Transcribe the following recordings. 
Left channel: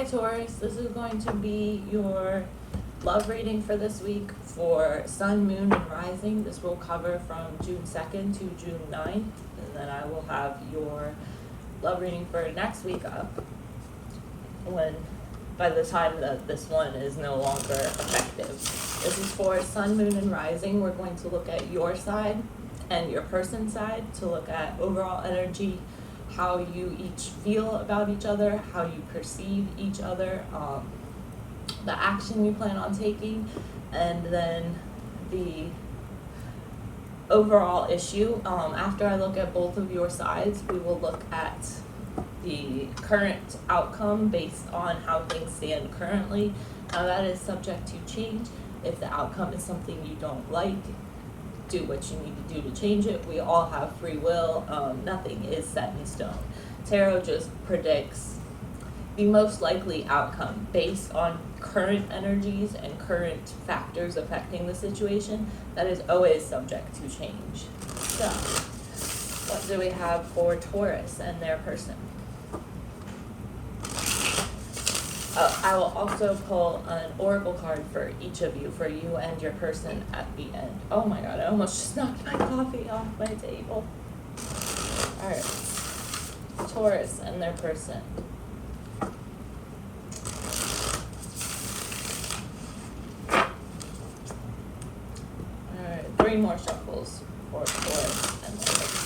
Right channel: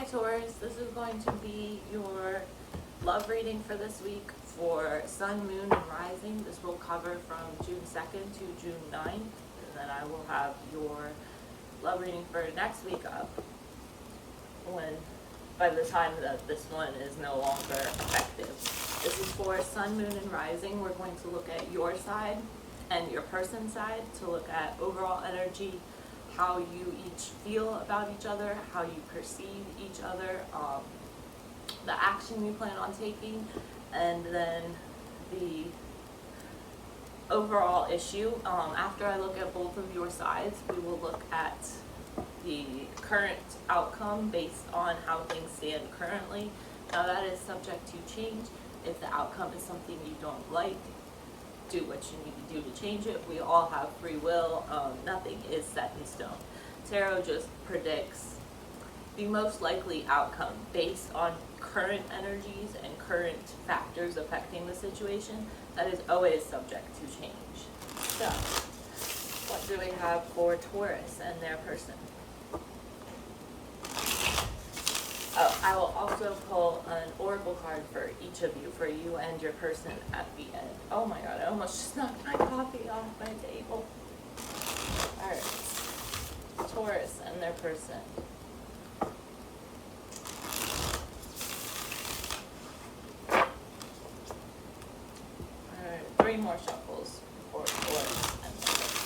Hi Taurus, this is going to be your love reading for this week for Sun, Moon, and Rising. This will cover from June 2nd to June 9th, and then I will have your love reading for next week up by the time that this one is no longer effective. This is for Sun, Moon, and Rising. We're going to look at your side and your person's side to look at overall energy, how you each feel about each other, how you perceive each other, the action you plan on taking, and then the overall issue. After I look at both of your sides, we will look at the current outcome based on how things stand currently. Now that is subject to change. If the outcome is something you don't like, do what you need to do to change it. We all have free will. Nothing is set in stone. Tarot just predicts the most likely outcome based on current energies and current factors affecting the situation. That is always subject to change. So, what do we have for Taurus and their person? I will also pull an oracle card for each of you, for you and your person at the end. Oh my god, I almost just knocked my coffee off my table. Alright, Taurus and their person. Alright, 3 more shuffles for Taurus and their person.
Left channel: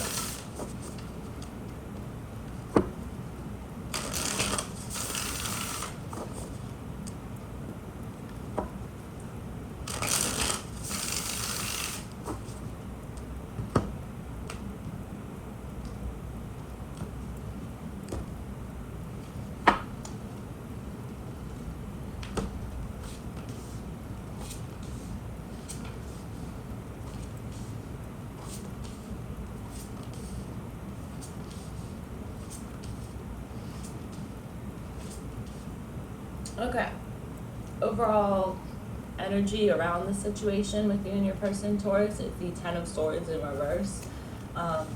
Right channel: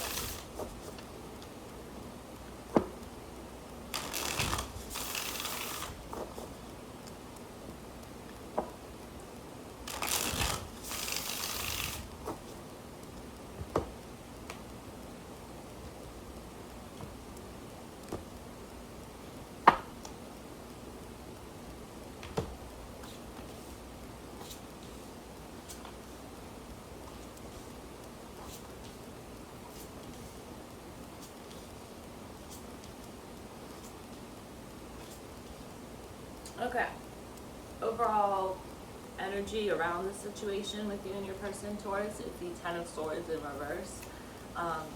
Okay, overall energy around the situation with you and your person, Taurus, is the 10 of Swords in reverse.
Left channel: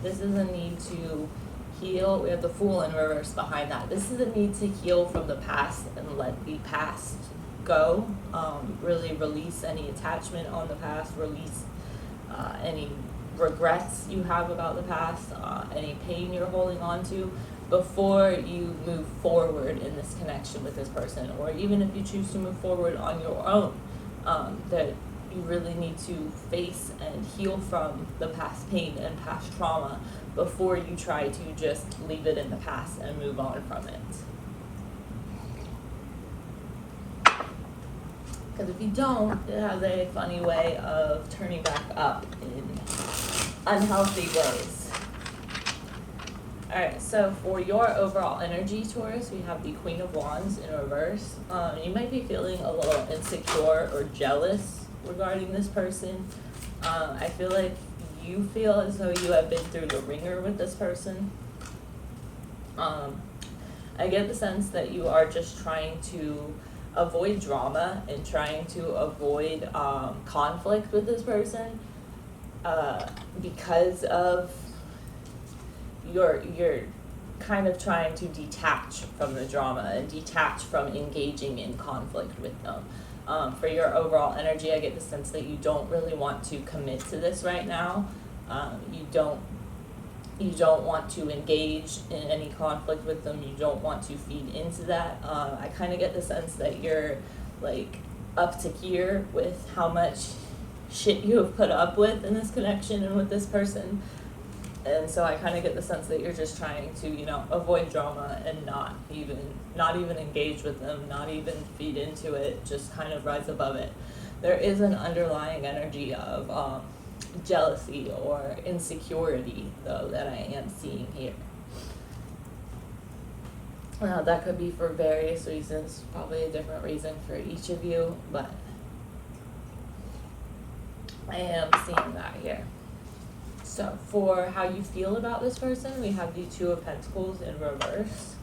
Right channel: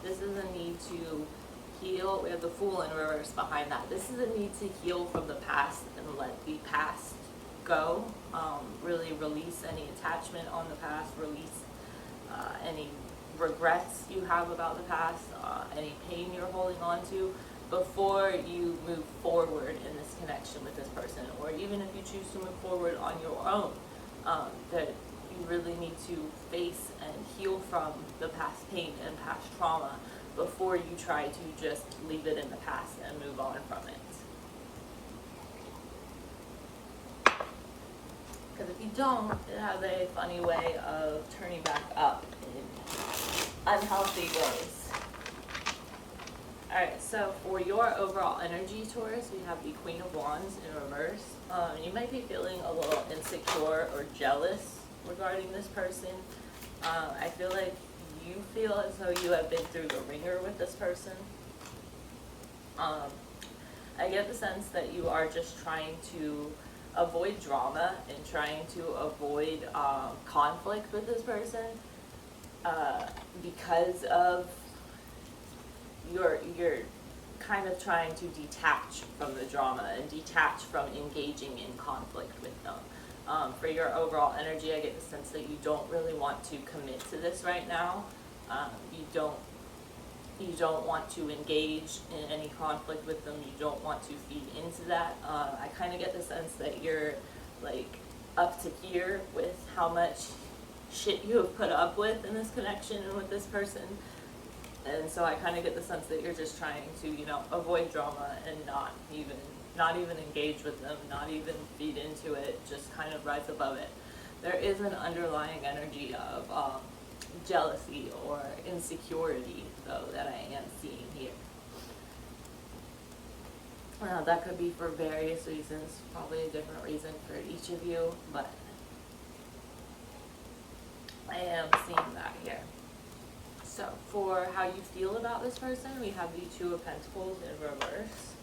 This is a need to heal. We have the Fool in reverse behind that. This is a need to heal from the past and let the past go. Really release any attachment on the past, release any regrets you have about the past, any pain you're holding on to, before you move forward in this connection with this person, or even if you choose to move forward on your own, that you really need to face and heal from the past pain and past trauma before you try to just leave it in the past and move on from it. Because if you don't, it has a funny way of turning back up in unhealthy ways. Alright, so for your overall energy, Taurus, we have the Queen of Wands in reverse. You might be feeling a little insecure or jealous regarding this person. I feel like you feel as though you have been through the ringer with this person. I get the sense that you are just trying to avoid drama and trying to avoid conflict with this person because of you're kind of trying to detach from the drama and detach from engaging in conflict with them. For your overall energy, I get the sense that you don't really want to commit to this right now. You don't want to engage in any conflict with them. You don't want to feed into that. I kind of get the sense that you're like up to here with how much shit you have put up with in this connection and with this person. And so I kind of get the sense that you're just trying to, avoid drama and not even engage with them, not even feed into it, just kind of rise above it. There is an underlying energy of jealousy or insecurity, though, that I am seeing here. That could be for various reasons, probably a different reason for each of you, but I am seeing that here. So for how you feel about this person, we have the Two of Pentacles in reverse,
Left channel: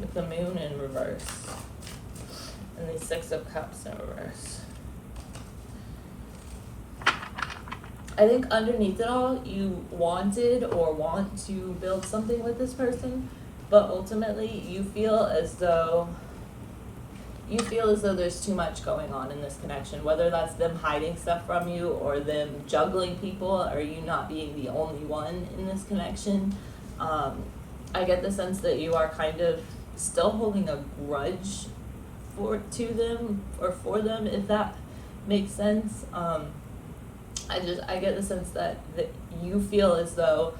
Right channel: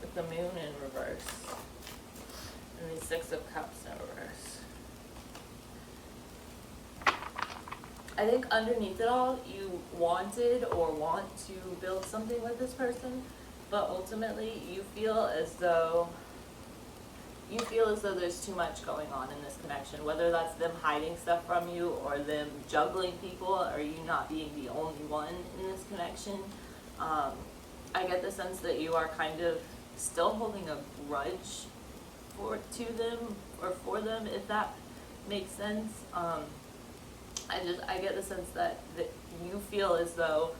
with the Moon in reverse, and the Six of Cups in reverse. I think underneath it all, you wanted or want to build something with this person, but ultimately you feel as though there's too much going on in this connection, whether that's them hiding stuff from you or them juggling people or you not being the only one in this connection. I get the sense that you are kind of still holding a grudge to them or for them, if that makes sense. I get the sense that you feel as though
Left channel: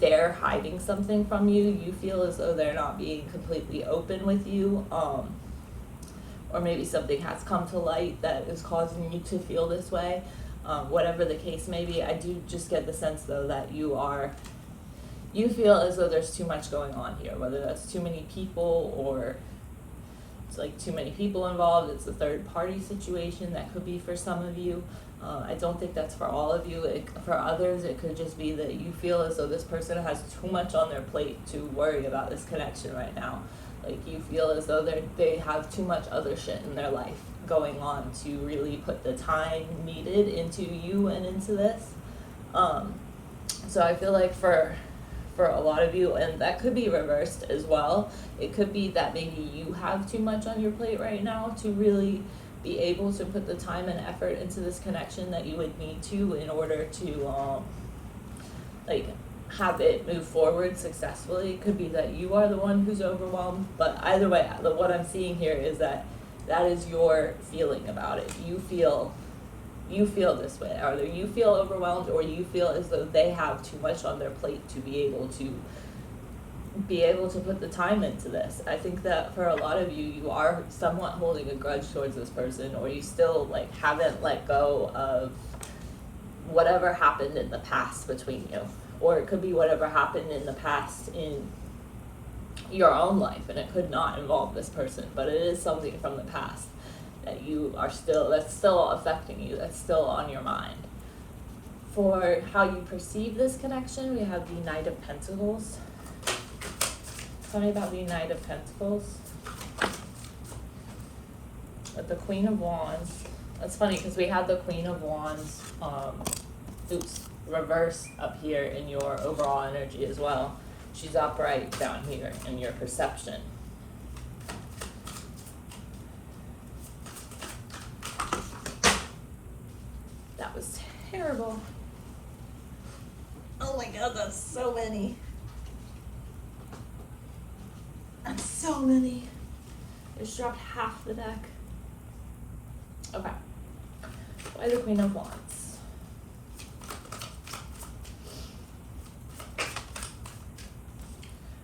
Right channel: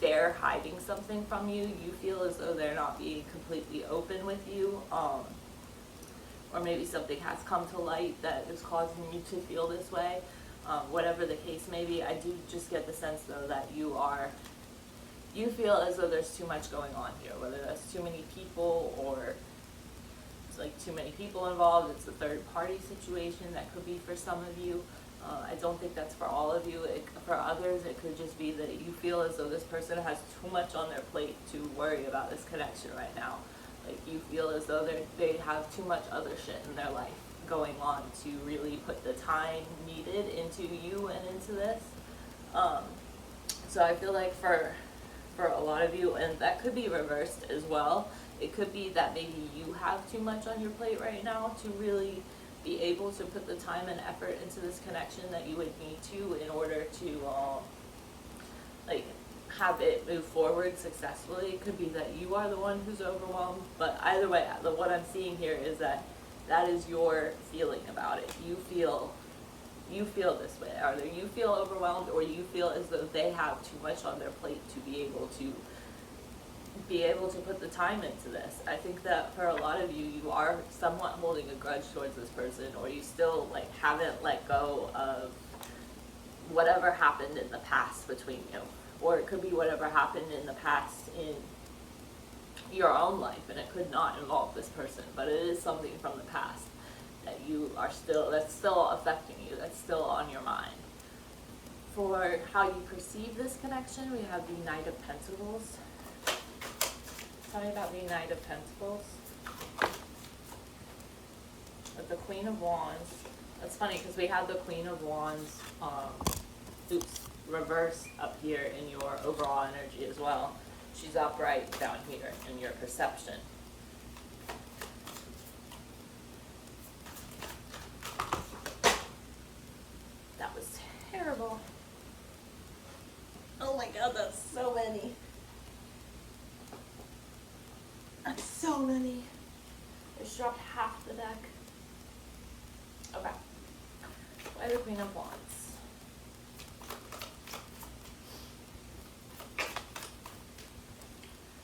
they're hiding something from you. You feel as though they're not being completely open with you. Or maybe something has come to light that is causing you to feel this way. Whatever the case may be, I do just get the sense though that you feel as though there's too much going on here, whether that's too many people or it's like too many people involved. It's a third party situation that could be for some of you. I don't think that's for all of you. For others, it could just be that you feel as though this person has too much on their plate to worry about this connection right now. Like you feel as though they have too much other shit in their life going on to really put the time needed into you and into this. So I feel like for a lot of you, and that could be reversed as well, it could be that maybe you have too much on your plate right now to really be able to put the time and effort into this connection that you would need to in order to like have it move forward successfully. It could be that you are the one who's overwhelmed, but either way, what I'm seeing here is that is your feeling about it. You feel this way. Either you feel overwhelmed or you feel as though they have too much on their plate to be able to put the time into this. I think that for a lot of you, you are somewhat holding a grudge towards this person, or you still like haven't let go of whatever happened in the past between you. Or it could be whatever happened in the past in your own life, and it could not involve this person, but it is something from the past that that's still affecting you, that's still on your mind. For how you perceive this connection, we have the Knight of Pentacles. Tell me about the Knight of Pentacles. With the Queen of Wands. That's funny because we had the Queen of Wands, reverse up here in your overall energy as well. She's upright down here in your perception. That was terrible. Oh my god, that's so many. That's so many. I just dropped half the deck. Okay. Why the Queen of Wands?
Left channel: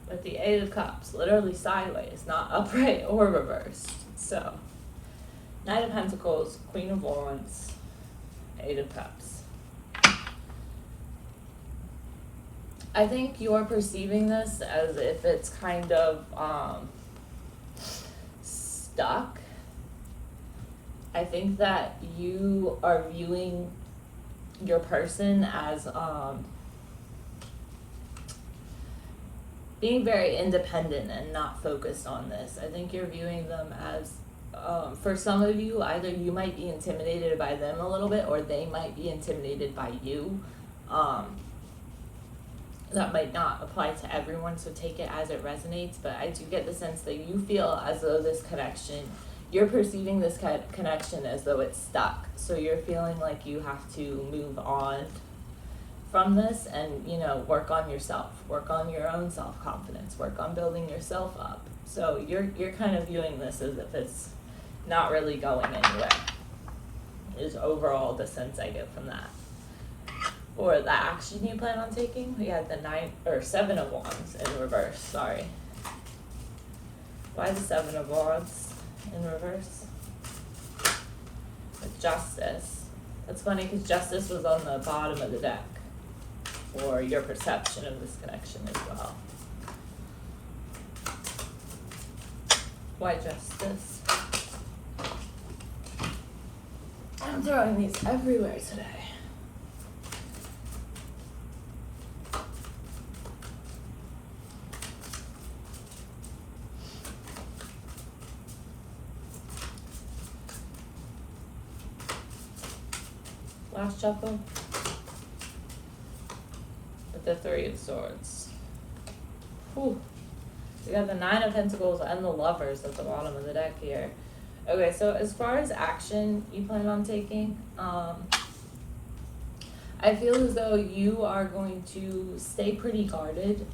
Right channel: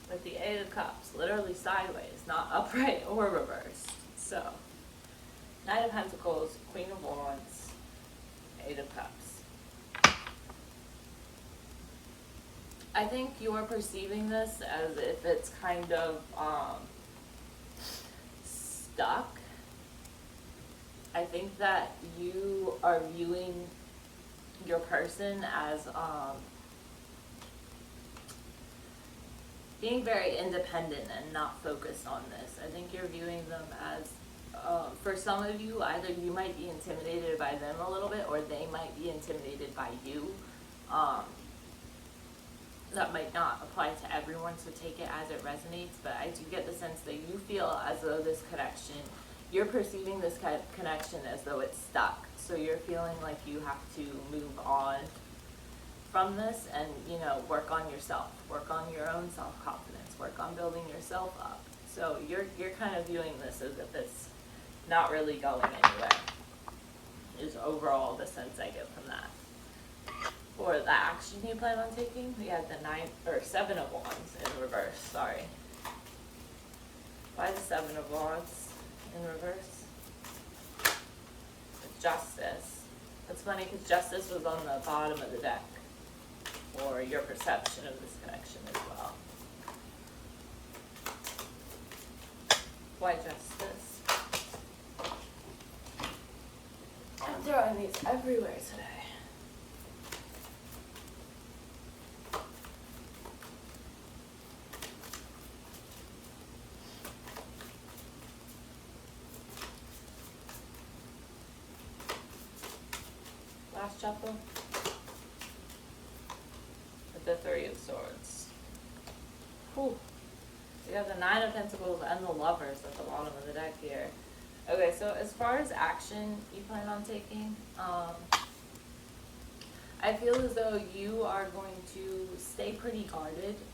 With the Eight of Cups, literally sideways, not upright or reversed. So, Knight of Pentacles, Queen of Wands, Eight of Cups. I think you're perceiving this as if it's kind of stuck. I think that you are viewing your person as being very independent and not focused on this. I think you're viewing them as, for some of you, either you might be intimidated by them a little bit or they might be intimidated by you. That might not apply to everyone, so take it as it resonates, but I do get the sense that you feel as though this connection, you're perceiving this connection as though it's stuck. So you're feeling like you have to move on from this and, you know, work on yourself, work on your own self-confidence, work on building yourself up. So you're kind of viewing this as if it's not really going anywhere, is overall the sense I get from that. Or the action you plan on taking, we had the Seven of Wands in reverse, sorry. Why the Seven of Wands in reverse? With Justice. That's funny because Justice was on the bottom of the deck, or your perception of this connection as well. Why Justice? I'm throwing these everywhere today. Last shuffle with the Three of Swords. Whew. got the Nine of Pentacles and the Lovers at the bottom of the deck here. Okay, so as far as action you plan on taking, I feel as though you are going to stay pretty guarded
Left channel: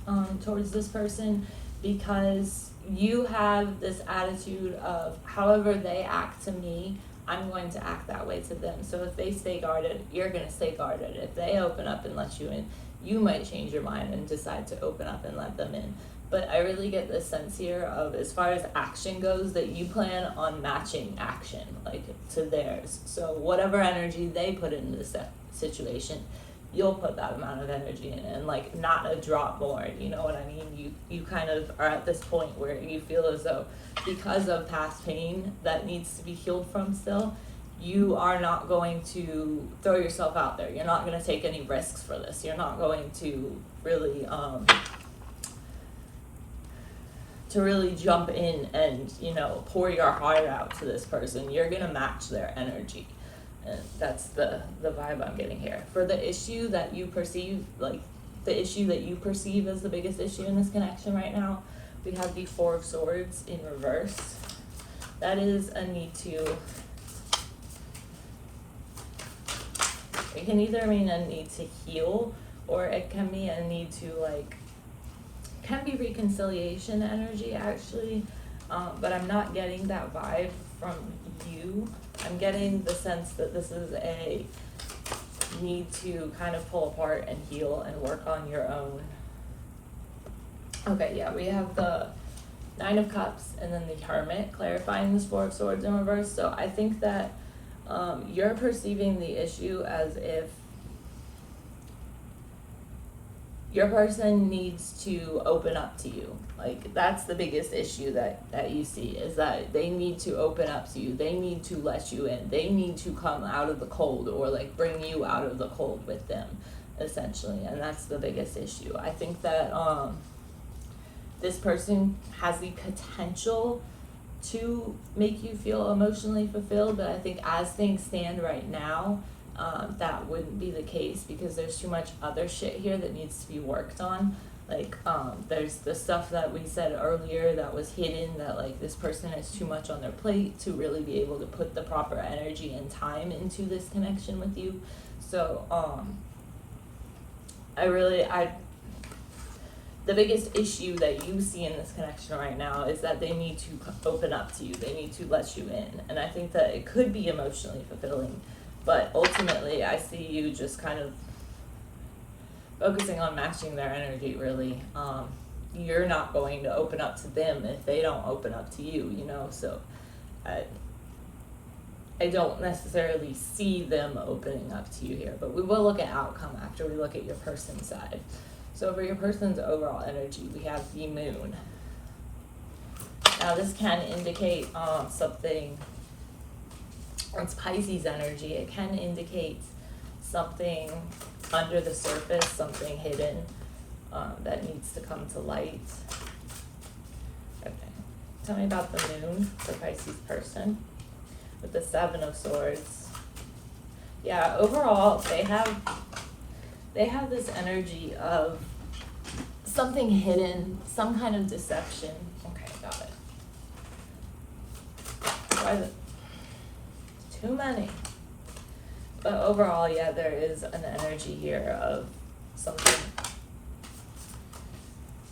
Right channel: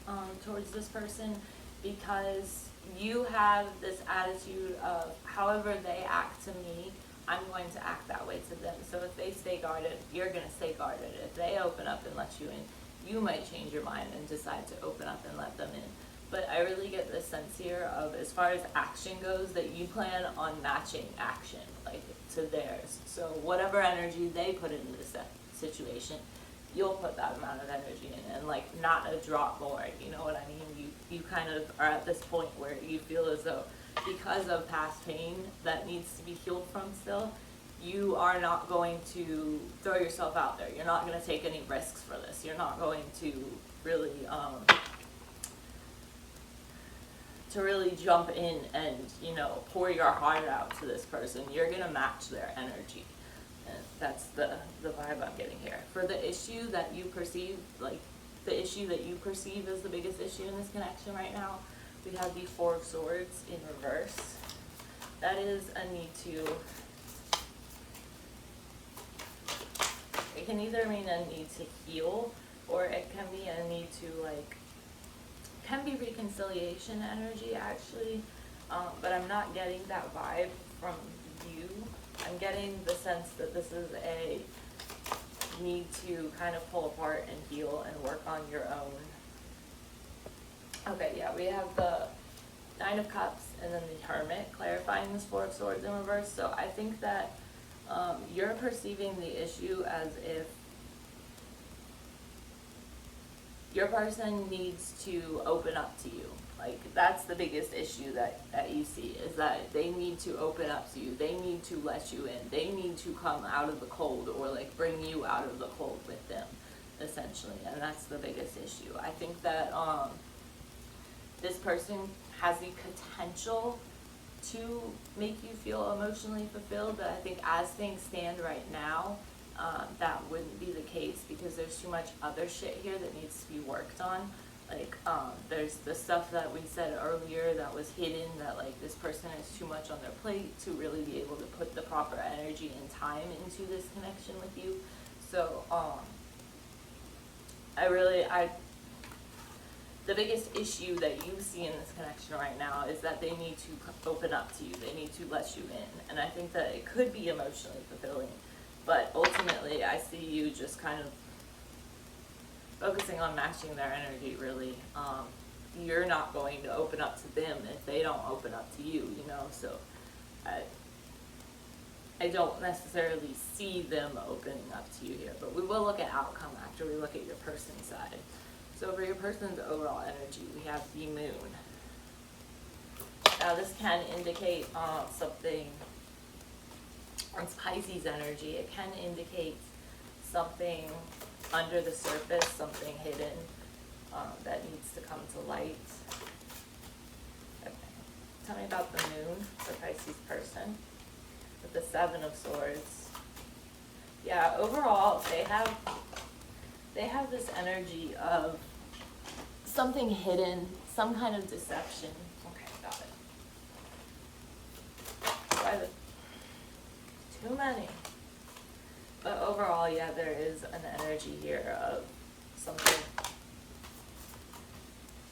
towards this person, because you have this attitude of however they act to me, I'm going to act that way to them. So if they stay guarded, you're going to stay guarded. If they open up and let you in, you might change your mind and decide to open up and let them in. But I really get this sense here of, as far as action goes, that you plan on matching action, like, to theirs. So whatever energy they put in this situation, you'll put that amount of energy in, and like not a drop more, you know what I mean? You kind of are at this point where you feel as though, because of past pain that needs to be healed from still, you are not going to throw yourself out there. You're not going to take any risks for this. You're not going to really jump in and, you know, pour your heart out to this person. You're going to match their energy. And that's the vibe I'm getting here. For the issue that you perceive, like the issue that you perceive as the biggest issue in this connection right now, we have the Four of Swords in reverse. That is a need to, it can either mean a need to heal, or it can be a need to, like, can be reconciliation energy actually, but I'm not getting that vibe from you. I'm getting the sense that this is a need to kind of pull apart and heal and work on your own. Okay, yeah, we have the Nine of Cups and then the Hermit clarifying this Four of Swords in reverse. So I think that you're perceiving the issue as if your person needs to open up to you. Like, that's the biggest issue that you see, is that they need to open up to you. They need to let you in. They need to come out of the cold, or like bring you out of the cold with them, essentially. And that's the biggest issue. I think that this person has the potential to make you feel emotionally fulfilled, but I think as things stand right now, that wouldn't be the case, because there's too much other shit here that needs to be worked on. Like, there's the stuff that we said earlier that was hidden, that like this person has too much on their plate to really be able to put the proper energy and time into this connection with you. So the biggest issue that you see in this connection right now is that they need to open up to you. They need to let you in. And I think that it could be emotionally fulfilling, but ultimately I see you just kind of focusing on matching their energy, really. You're not going to open up to them if they don't open up to you, you know? So I don't necessarily see them opening up to you here, but we will look at outcome after we look at your person's side. So for your person's overall energy, we have the Moon. Now this can indicate something, it's Pisces energy. It can indicate something under the surface, something hidden that needs to come to light. Okay, tell me about the Moon for Pisces person with the Seven of Swords. Yeah, overall they have this energy of something hidden, some kind of deception. Okay, got it. Too many. But overall, yeah, there is an energy here of something.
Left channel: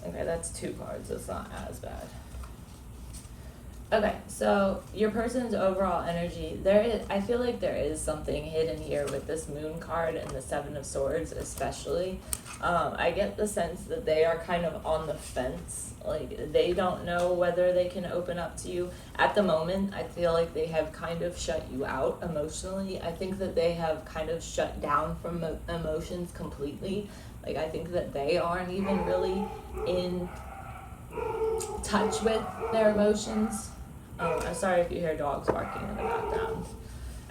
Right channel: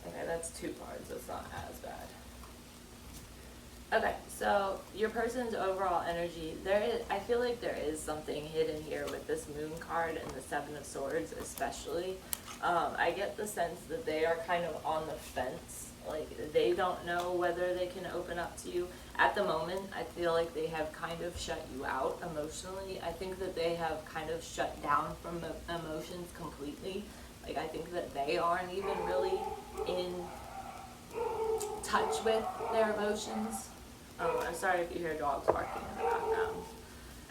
Okay, that's two cards. It's not as bad. Okay, so your person's overall energy, I feel like there is something hidden here with this Moon card and the Seven of Swords especially. I get the sense that they are kind of on the fence. Like, they don't know whether they can open up to you. At the moment, I feel like they have kind of shut you out emotionally. I think that they have kind of shut down from emotions completely. Like, I think that they aren't even really in touch with their emotions. I'm sorry if you hear dogs barking in the background.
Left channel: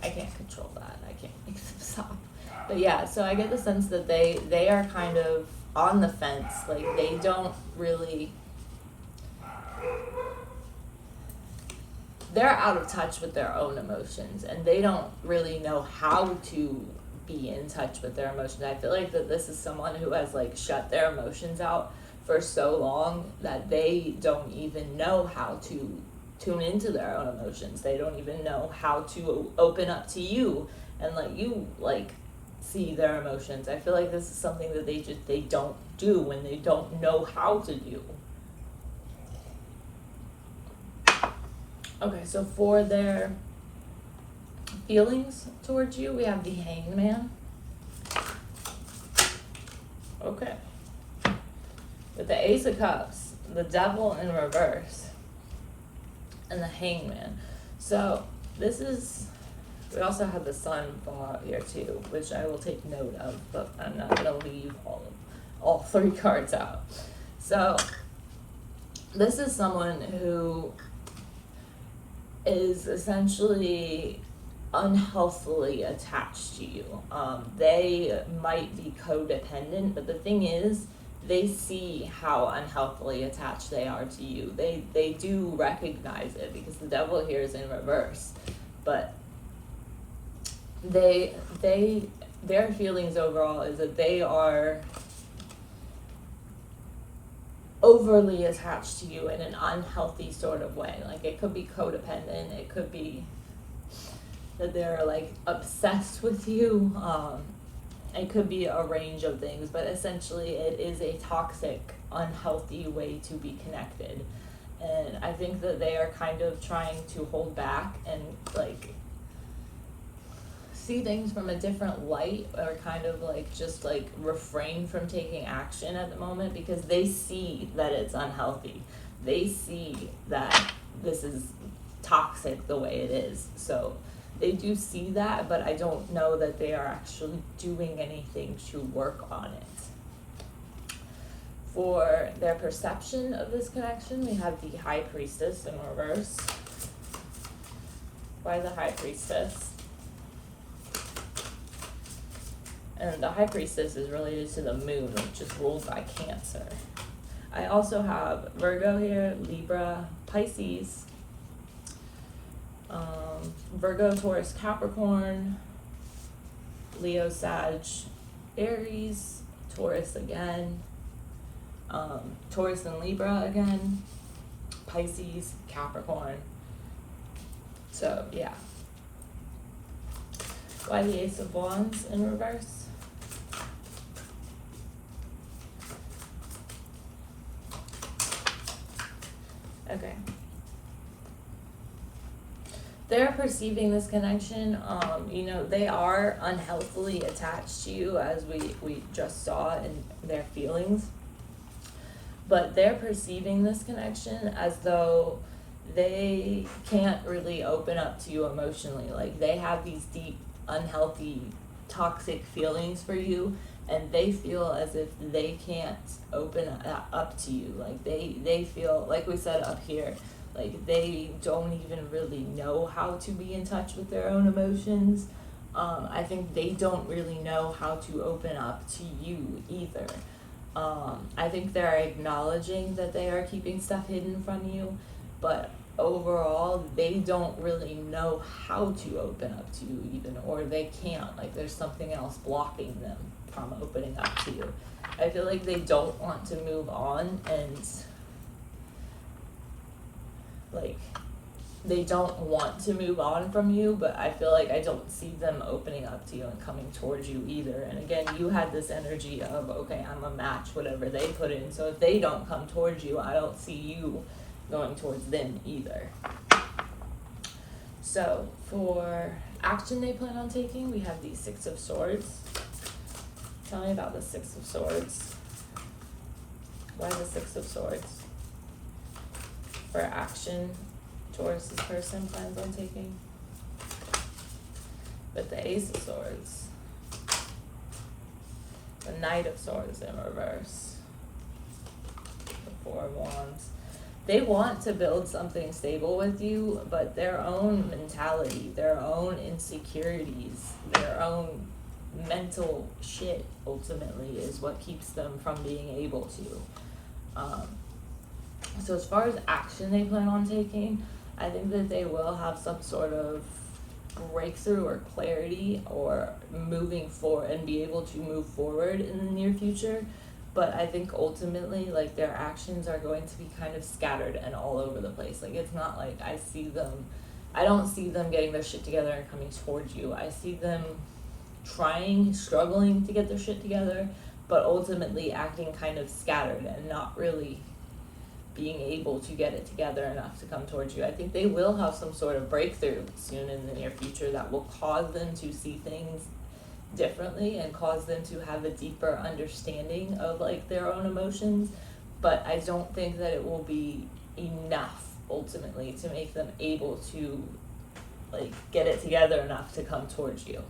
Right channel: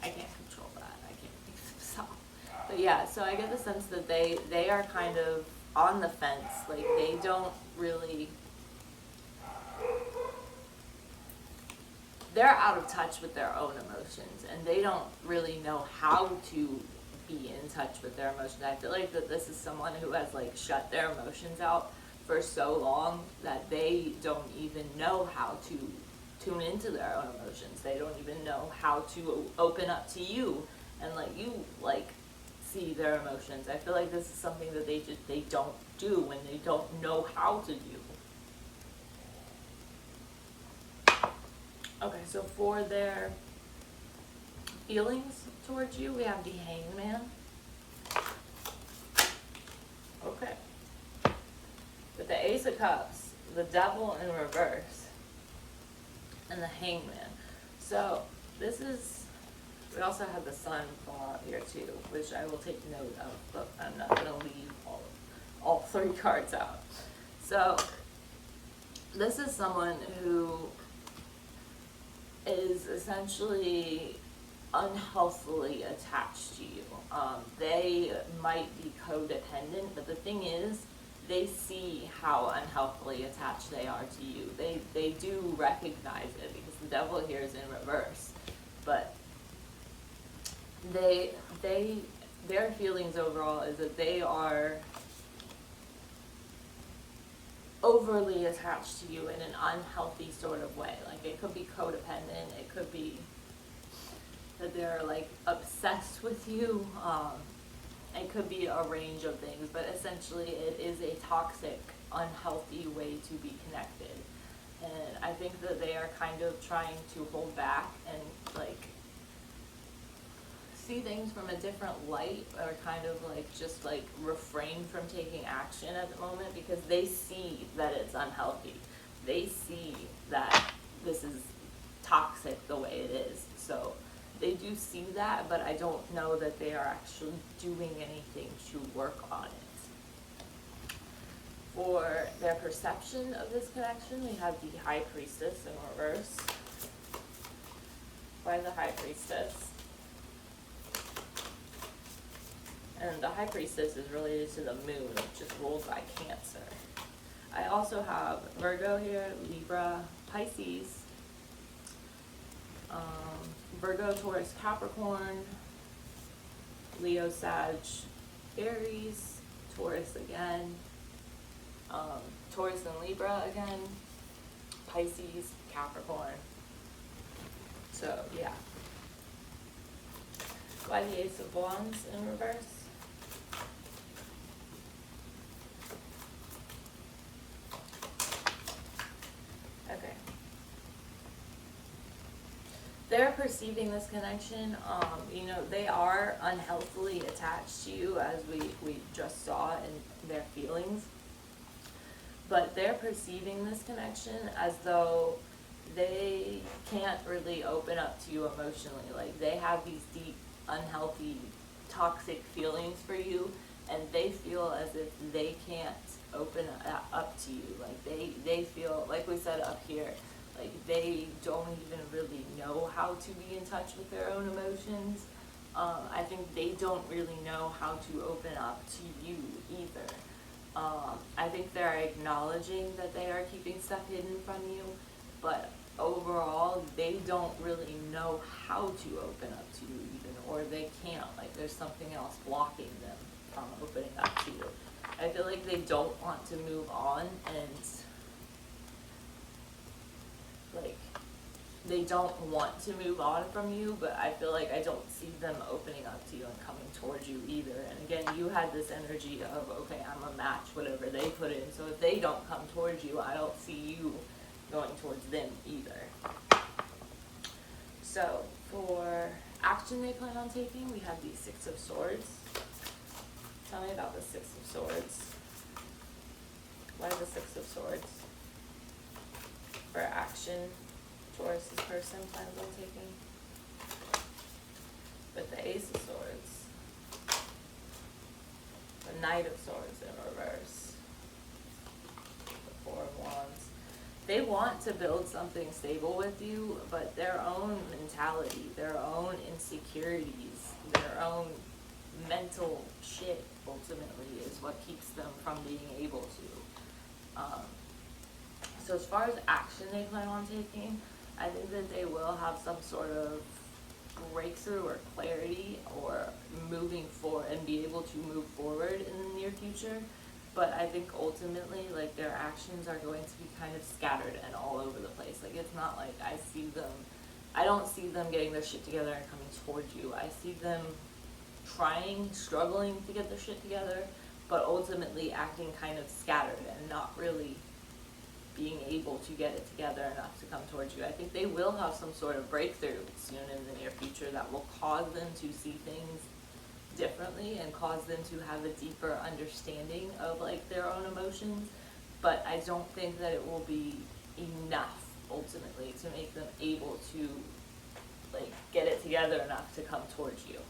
I can't control that. I can't make them stop. But yeah, so I get the sense that they are kind of on the fence. Like, they don't really, they're out of touch with their own emotions, and they don't really know how to be in touch with their emotions. I feel like that this is someone who has like shut their emotions out for so long that they don't even know how to tune into their own emotions. They don't even know how to open up to you and let you like see their emotions. I feel like this is something that they don't do when they don't know how to do. Okay, so for their feelings towards you, we have the Hanged Man. Okay. With the Ace of Cups, the Devil in reverse, and the Hanged Man. So this is, we also have the Sun fall out here too, which I will take note of, but I'm not gonna leave all three cards out. So this is someone who is essentially unhealthily attached to you. They might be codependent, but the thing is, they see how unhealthily attached they are to you. They do recognize it because the Devil here is in reverse, but their feelings overall is that they are overly attached to you in an unhealthy sort of way. Like, it could be codependent, it could be that they're like obsessed with you, it could be a range of things, but essentially it is a toxic, unhealthy way to be connected. And I think that they are kind of trying to hold back and like see things from a different light, or kind of like just like refrain from taking action at the moment because they see that it's unhealthy. They see that this is toxic the way it is. So they do see that, but I don't know that they are actually doing anything to work on it. For their perception of this connection, we have the High Priestess in reverse. By the High Priestess. And the High Priestess is related to the moon, which is ruled by Cancer. I also have Virgo here, Libra, Pisces, Virgo, Taurus, Capricorn, Leo, Sag, Aries, Taurus again, Taurus and Libra again, Pisces, Capricorn. So yeah. Why the Ace of Wands in reverse? Okay. They're perceiving this connection, they are unhealthily attached to you, as we just saw in their feelings. But they're perceiving this connection as though they can't really open up to you emotionally. Like, they have these deep, unhealthy, toxic feelings for you, and they feel as if they can't open up to you. Like, they feel, like we said up here, like they don't even really know how to be in touch with their own emotions. I think they don't really know how to open up to you either. I think they're acknowledging that they are keeping stuff hidden from you, but overall they don't really know how to open up to you even, or they can't. Like, there's something else blocking them from opening up to you. I feel like they don't want to move on, and like, they don't want to move on from you, but I feel like I don't see them opening up to you and coming towards you either. And again, you had this energy of, okay, I'm a match whatever they put in, so if they don't come towards you, I don't see you going towards them either. So for action they plan on taking, we have the Six of Swords. Tell me about the Six of Swords. Why the Six of Swords? For action, Taurus's person plans on taking. With the Ace of Swords, the Knight of Swords in reverse, the Four of Wands. They want to build something stable with you, but their own mentality, their own insecurities, their own mental shit ultimately is what keeps them from being able to. So as far as action they plan on taking, I think that they will have some sort of breakthrough or clarity, or moving forward, and be able to move forward in the near future. but I think ultimately, like, their actions are going to be kind of scattered and all over the place. Like, it's not like I don't see them getting their shit together and coming towards you. I see them struggling to get their shit together, but ultimately acting kind of scattered and not really being able to get it together enough to come towards you. I think they will have some sort of breakthrough soon in the near future that will cause them to see things differently and cause them to have a deeper understanding of, like, their own emotions, but I don't think that it will be enough ultimately to make them able to, like, get it together enough to come towards you.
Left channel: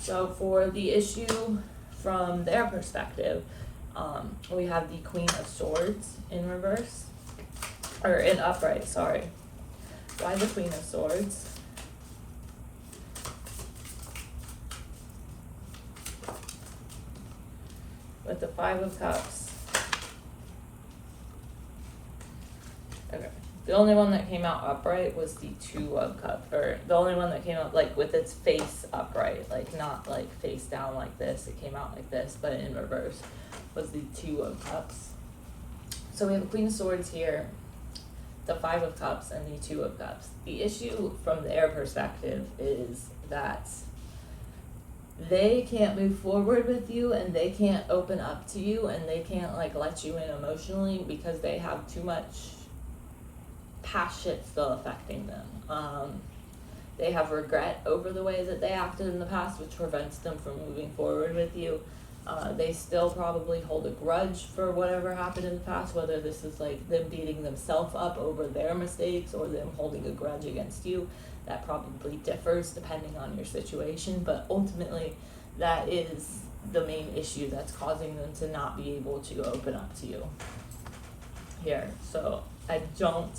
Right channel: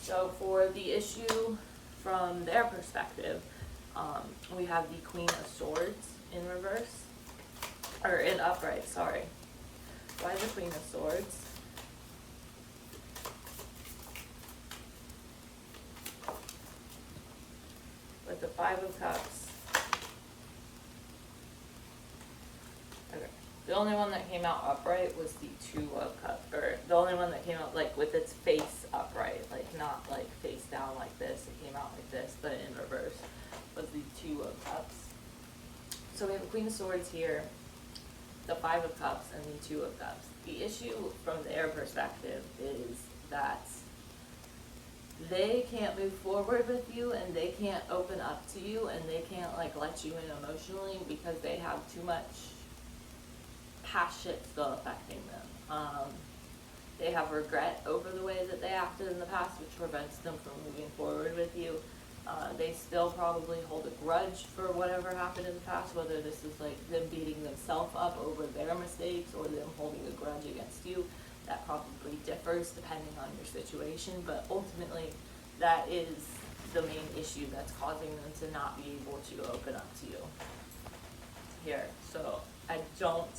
So for the issue from their perspective, we have the Queen of Swords in reverse, or in upright, sorry. Why the Queen of Swords? With the Five of Cups. Okay. The only one that came out upright was the Two of Cups, or the only one that came out, like, with its face upright, like, not, like, face down like this. It came out like this, but in reverse was the Two of Cups. So we have the Queen of Swords here, the Five of Cups, and the Two of Cups. The issue from their perspective is that they can't move forward with you, and they can't open up to you, and they can't, like, let you in emotionally because they have too much past shit still affecting them. They have regret over the way that they acted in the past, which prevents them from moving forward with you. They still probably hold a grudge for whatever happened in the past, whether this is, like, them beating themselves up over their mistakes or them holding a grudge against you. That probably differs depending on your situation, but ultimately that is the main issue that's causing them to not be able to open up to you here. So I don't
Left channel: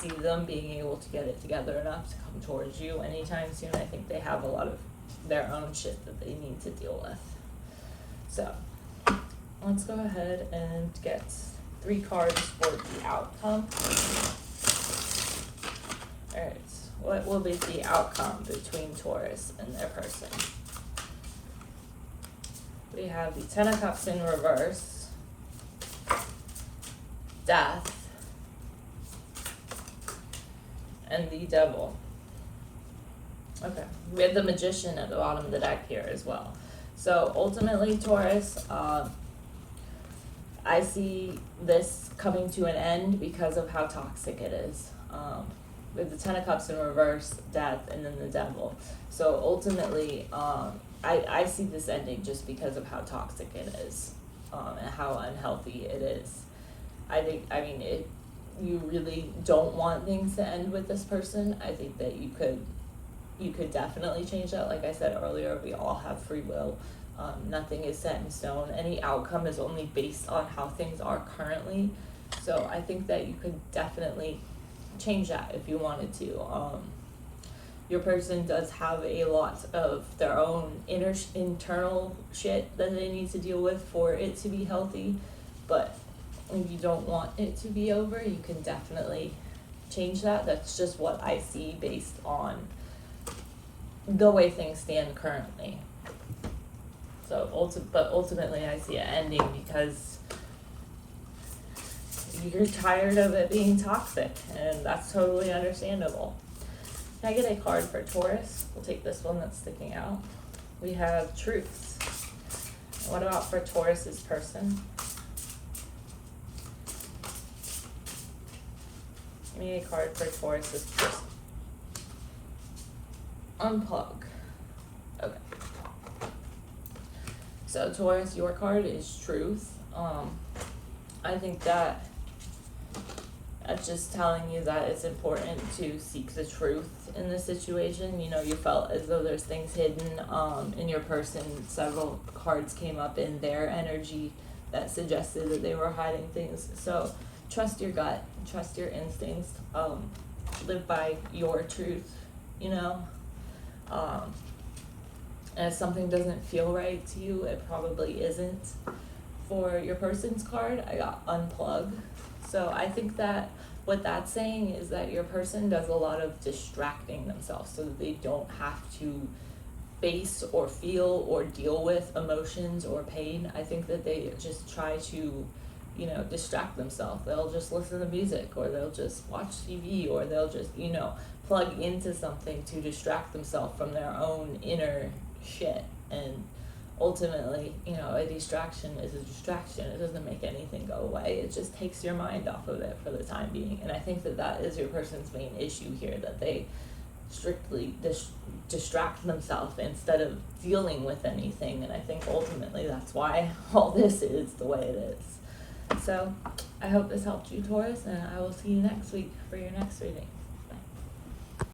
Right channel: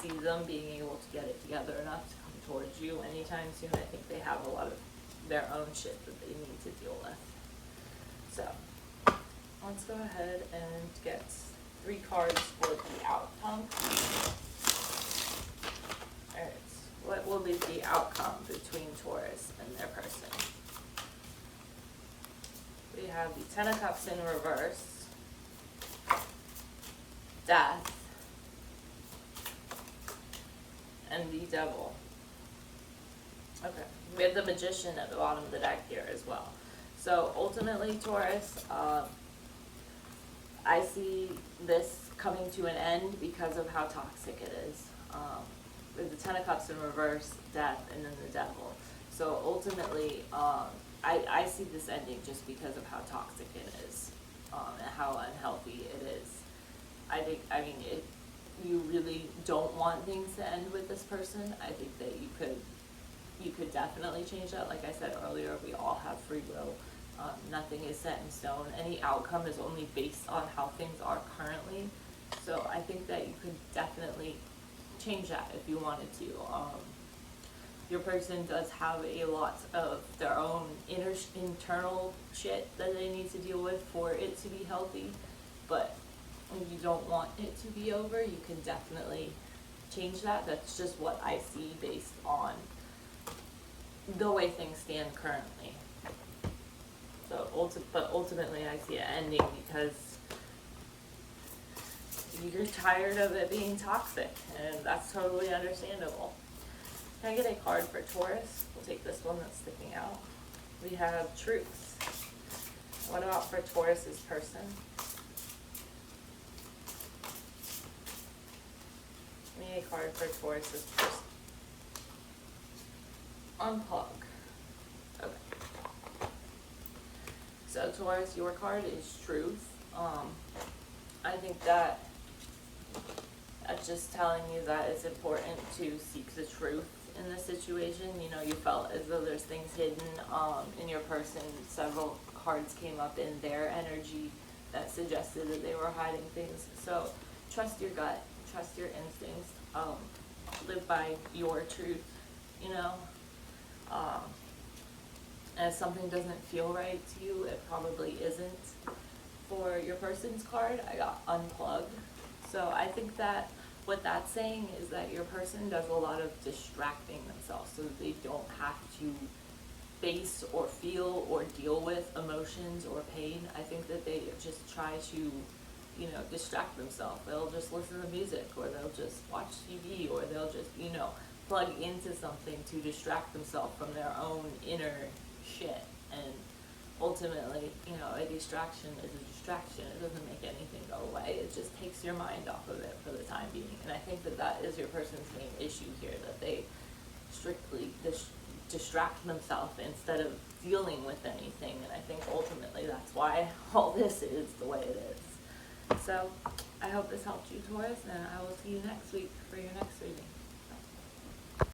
see them being able to get it together enough to come towards you anytime soon. I think they have a lot of their own shit that they need to deal with. So let's go ahead and get 3 cards for the outcome. Alright, what will be the outcome between Taurus and their person? We have the Ten of Cups in reverse, Death, and the Devil. Okay, we have the Magician at the bottom of the deck here as well. So ultimately, Taurus, I see this coming to an end because of how toxic it is. With the Ten of Cups in reverse, Death, and then the Devil. So ultimately, I see this ending just because of how toxic it is, and how unhealthy it is. You really don't want things to end with this person. I think that you could definitely change that. Like I said earlier, we all have free will. Nothing is set in stone. Any outcome is only based on how things are currently. So I think that you could definitely change that if you wanted to. Your person does have a lot of their own internal shit that they need to deal with for it to be healthy, but if you don't want it to be over, you can definitely change that. That's just what I see based on the way things stand currently. So ultimately I see it ending because you're tired of it being toxic, and that's totally understandable. Can I get a card for Taurus? We'll take this one that's sticking out. We have Truth. What about for Taurus's person? Give me a card for Taurus's person. Unplug. Okay. So Taurus, your card is Truth. I think that that's just telling you that it's important to seek the truth in this situation. You know, you felt as though there's things hidden in your person. Several cards came up in their energy that suggested that they were hiding things. So trust your gut, trust your instincts, live by your truth, you know. And if something doesn't feel right to you, it probably isn't. For your person's card, I got Unplug. So I think that what that's saying is that your person does a lot of distracting themselves so that they don't have to face or feel or deal with emotions or pain. I think that they just try to, you know, distract themselves. They'll just listen to music, or they'll just watch TV, or they'll just, you know, plug into something to distract themselves from their own inner shit. And ultimately, you know, a distraction is a distraction. It doesn't make anything go away. It just takes your mind off of it for the time being. And I think that that is your person's main issue here, that they strictly distract themselves instead of dealing with anything. And I think ultimately that's why all this is the way it is. So I hope this helped you, Taurus, and I will see you next week for your next reading.